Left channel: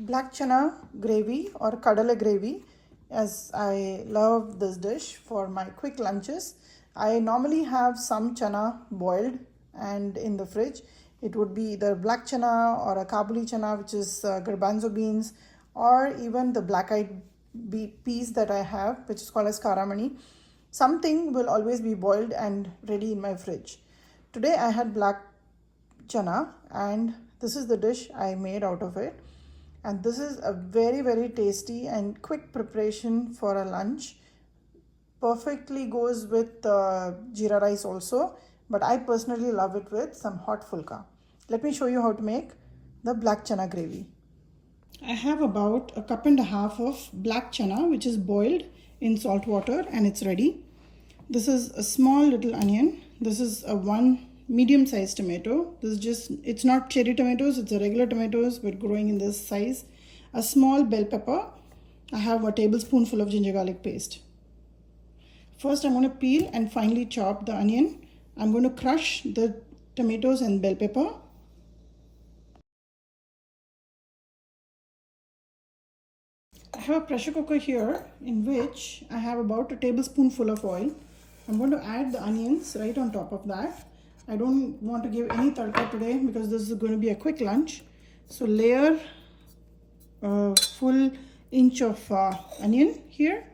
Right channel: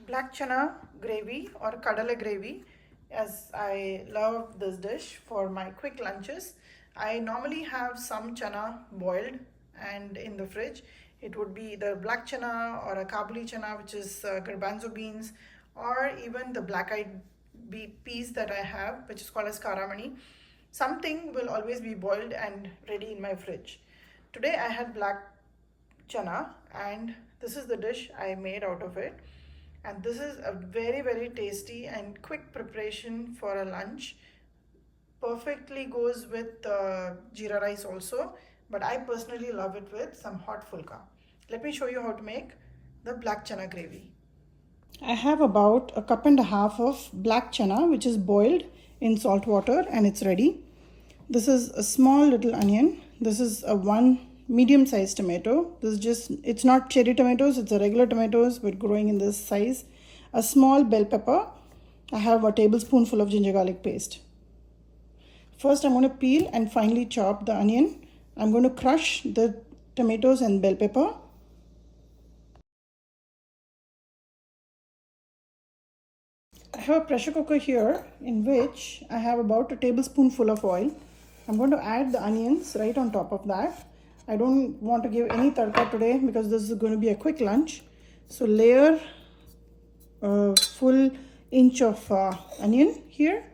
black chana gravy or kadala gravy, as I love this dish for my quick lunches. I normally have some chana boiled and in the fridge. It would be either black chana or a kabuli chana, which is garbanzo beans, or even the black-eyed peas that I have, which is called as karamani. Something will always be boiled and ready in my fridge. Today I had black chana and this is the dish I made out of it, and this is a very tasty and quick preparation for a lunch. Perfectly goes with jeera rice also, but I personally love it with some hot fulka. Let me show you how to make the black chana gravy. I have about a cup and a half of black chana which is boiled in salt water and it's ready. This is a small little onion. This is a one medium-sized tomato. This is just, it's not cherry tomatoes, it's a regular tomatoes but growing in this size. A small bell pepper. I have a tablespoonful of ginger garlic paste. First I'm going to peel and finely chop the onion. I'm going to crush the tomatoes and bell pepper. I have a pressure cooker here in which I have about a tablespoonful of oil. I'm going to add the onions right on top of that. I don't want to give any tadka today because this is going to be a quick lunch. So layer a full inch of onion here.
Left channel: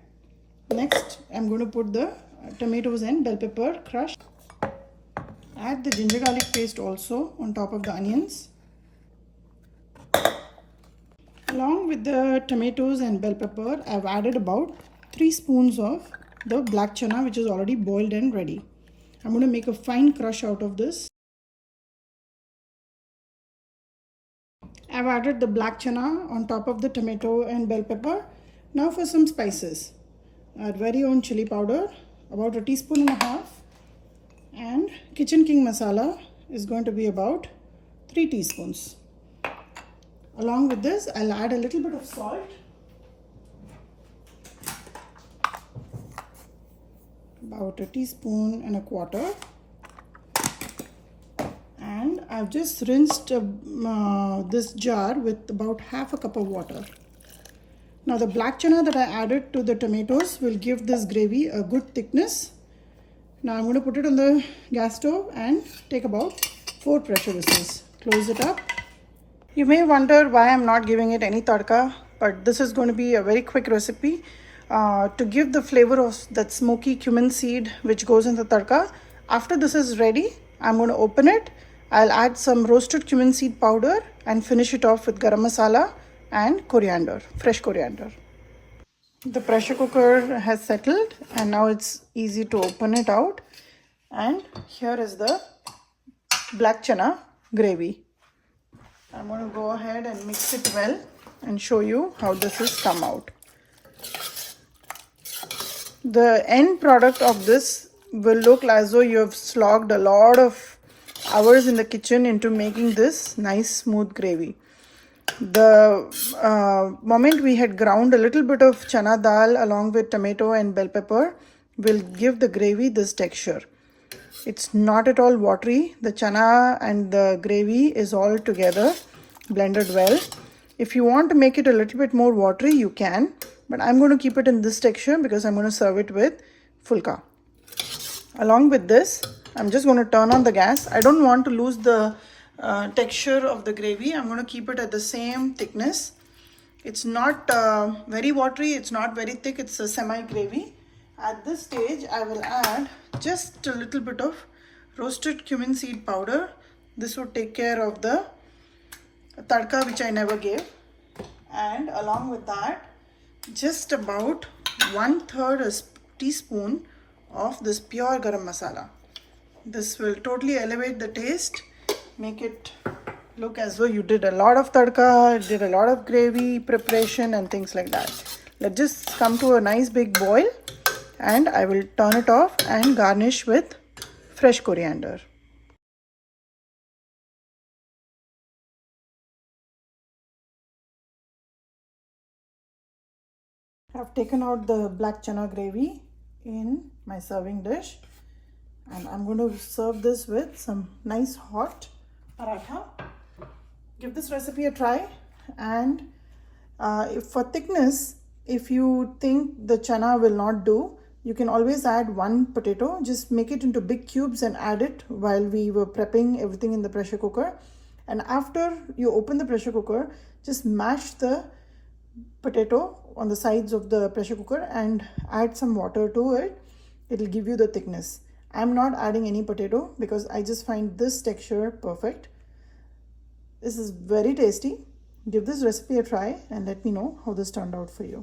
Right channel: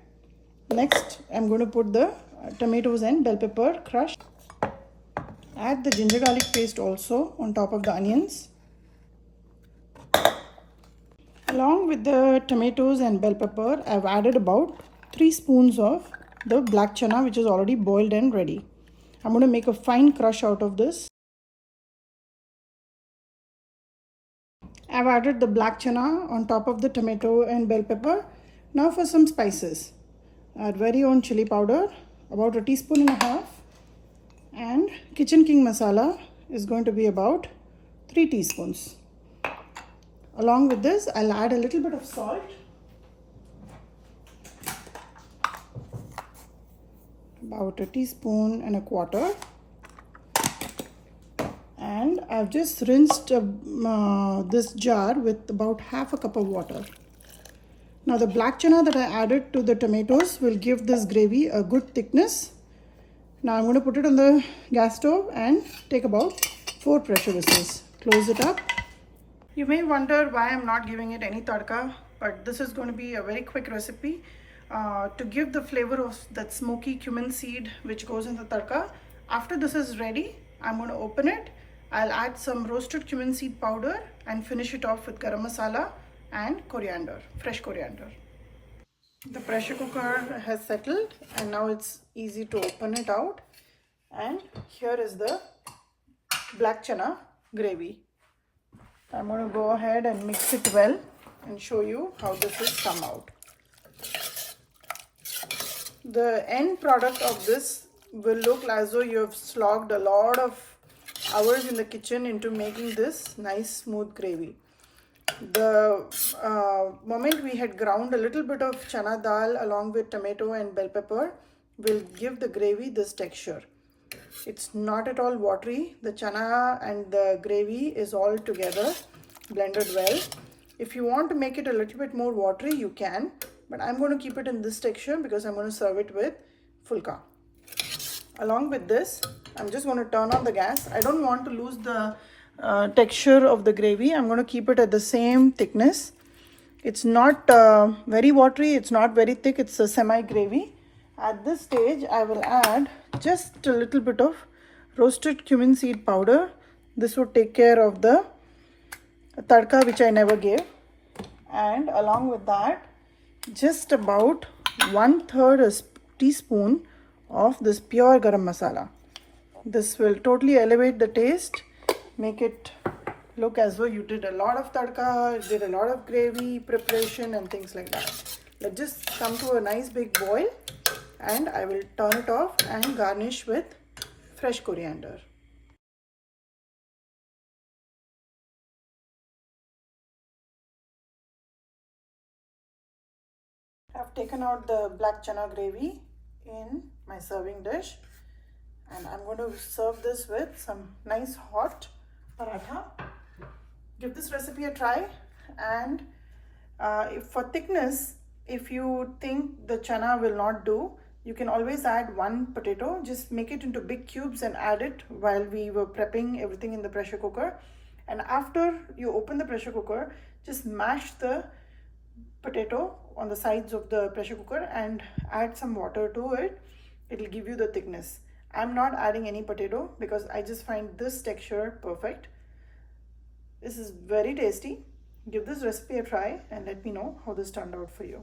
Next I'm going to put the tomatoes and bell pepper crushed. Add the ginger garlic paste also on top of the onions. Along with the tomatoes and bell pepper, I've added about 3 spoons of the black chana which is already boiled and ready. I'm going to make a fine crush out of this. I've added the black chana on top of the tomato and bell pepper. Now for some spices. Our very own chili powder, about 1.5 teaspoons, and kitchen king masala is going to be about 3 teaspoons. Along with this, I'll add a little bit of salt. About 1.25 teaspoons. And I've just rinsed this jar with about half a cup of water. Now the black chana that I added to the tomatoes will give this gravy a good thickness. Now I'm going to put it on the gas stove and take about 4 pressure whistles. Close it up. You may wonder why I'm not giving it any tadka, but this is going to be a very quick recipe to give the flavor of that smoky cumin seed which goes in the tadka. After this is ready, I'm going to open it. I'll add some roasted cumin seed powder and finish it off with garam masala and coriander, fresh coriander. The pressure cooker has settled and now it's easy to open it out. And here is the black chana gravy. I'm going to go ahead and mix it well and show you how this has come out. The end product of this will look as though you have slogged a lot of hours in the kitchen into making this nice smooth gravy. The moment we had ground a little bit of chana dal along with tomato and bell pepper will give the gravy this texture. It's not at all watery. The chana and the gravy is all together blended well. If you want to make it a little bit more watery, you can, but I'm going to keep it in this texture because I'm going to serve it with fulka. Along with this, I'm just going to turn on the gas. I don't want to lose the texture of the gravy. I'm going to keep it at the same thickness. It's not very watery, it's not very thick, it's a semi gravy. At this stage, I will add just a little bit of roasted cumin seed powder. This would take care of the tadka which I never gave. And along with that, just about 1/3 teaspoon of this pure garam masala. This will totally elevate the taste, make it look as though you did a lot of tadka, did a lot of gravy preparation and things like that. Let this come to a nice big boil and I will turn it off and garnish with fresh coriander. I've taken out the black chana gravy in my serving dish and I'm going to serve this with some nice hot paratha. Give this recipe a try and For thickness, if you think the chana will not do, you can always add one potato. Just make it into big cubes and add it while we were prepping everything in the pressure cooker. And after you open the pressure cooker, just mash the potato on the sides of the pressure cooker and add some water to it. It'll give you the thickness. I'm not adding any potato because I just find this texture perfect. This is very tasty. Give this recipe a try and let me know how this turned out for you.